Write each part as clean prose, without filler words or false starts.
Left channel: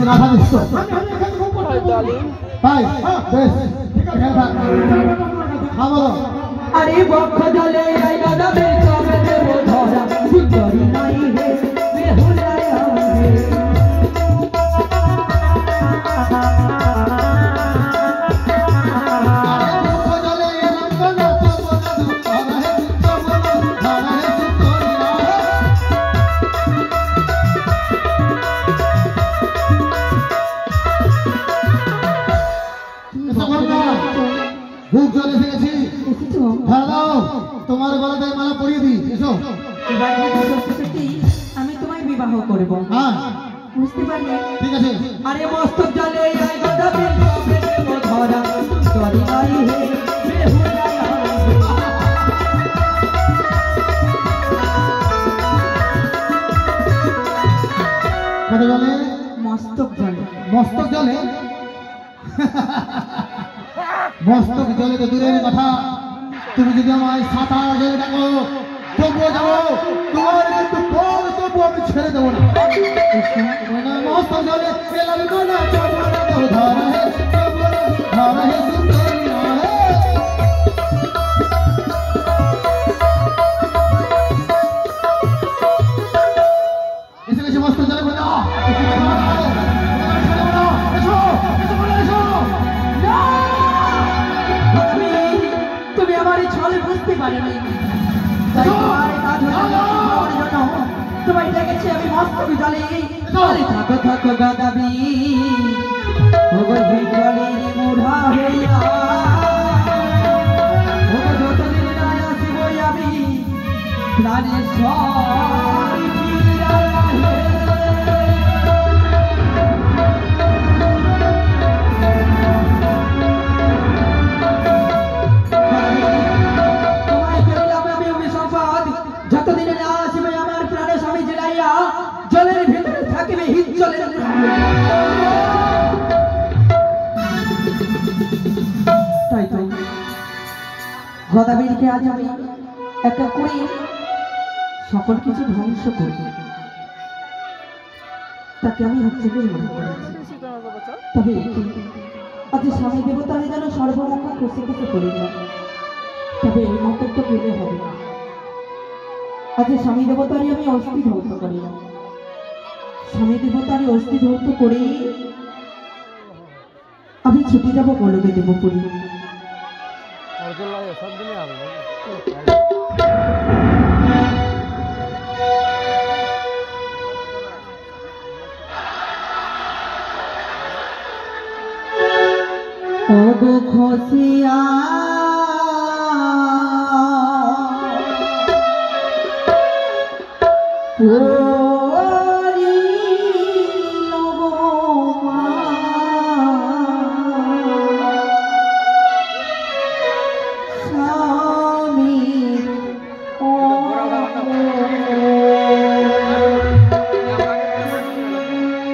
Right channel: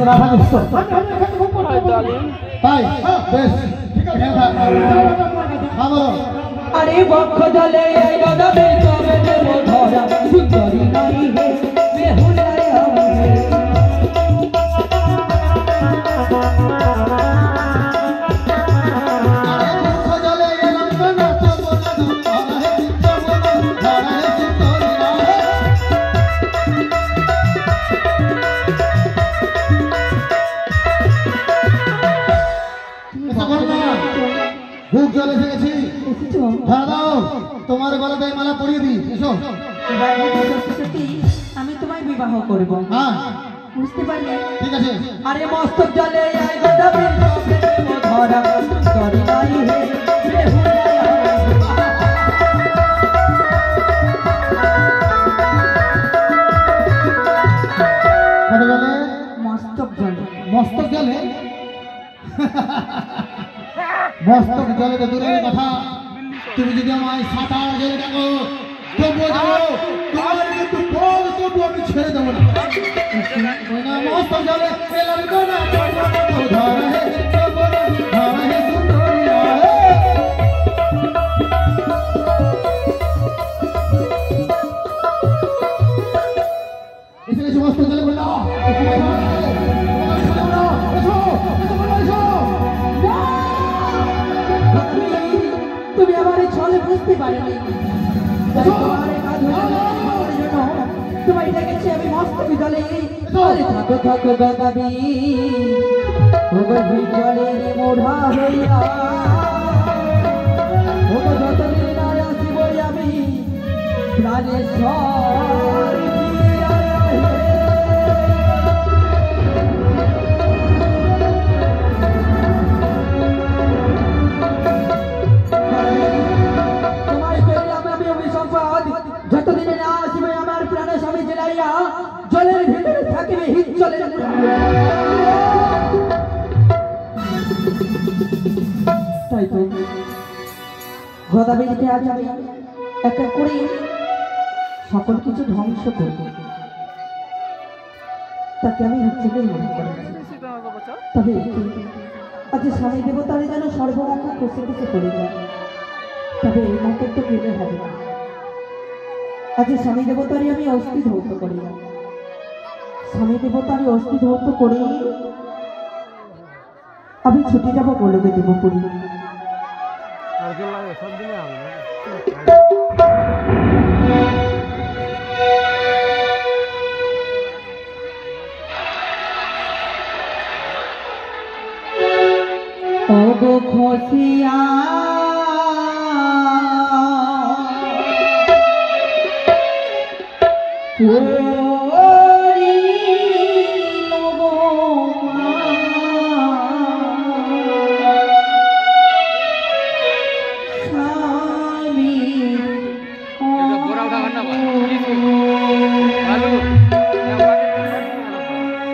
রাধা মিশ্র hi darling তাই বেশ ভালো আরে বক্ষ জলে গগনের চবে দেব ধরা সুন্দরী নাই হে বেহুলায়া হে ভূত জলে ফেলেছি হ্যাঁ দাও তোমার গলাতে মালা পরিয়ে দিই এসো আমি তোমায় বিবাহ করব হ্যাঁ বুঝতে পারলে ঠিক আছে আরে মস্তক জলে গগনের চবে দেব ধরা সুন্দরী নাই হে বেহুলায়া কত জলে মস্তক জলে মস্তক জলে মস্তক জলে তো দূরের কথা তুমি যদি আমায় সাঁতার জলে দেখো তবুও যাবো তোমার কিন্তু বল তবু আমি ছেড়ে দেবো না মস্তক জলে এলাম না ধরা হে ধরা হে সুন্দরী এসে গেছে মস্তক জলে বলে তুমি আমার এই ছলে বুঝতে পারবে তোমায় দেখেছি আমি মস্তক জলে থাকো থাকো গদাবি জলে মোড়া হইয়া যতদিন নাই আসিব আমি প্রাণেশ্বর যতদিন আসিবে আমার প্রাণে স্বামী জেলাইয়া জলের ভিতরে থাকিবে হিত জলের তাই তো গদাবীরকে আজ আমি একা করে সকল কিছু ধ্বংস করব তাকে আমি হচ্ছে বলে মনে করেছি তবে আজ স্বামী দেবতারে যেন সর্বরক্ষা খুশি খুশি করে যায় তবে এই মন্তব্য কেলে হবে না আজ স্বামী দেবতারই আমি অস্থি ধৌত করি স্বামী দেবতারই অস্থি ধৌত করে আমি ছুটি যাবো গোলকে দেবপুরী ওগো খসিয়া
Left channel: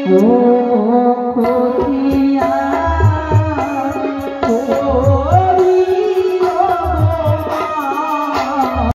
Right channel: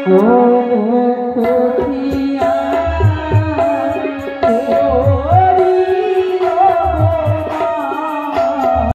Oh,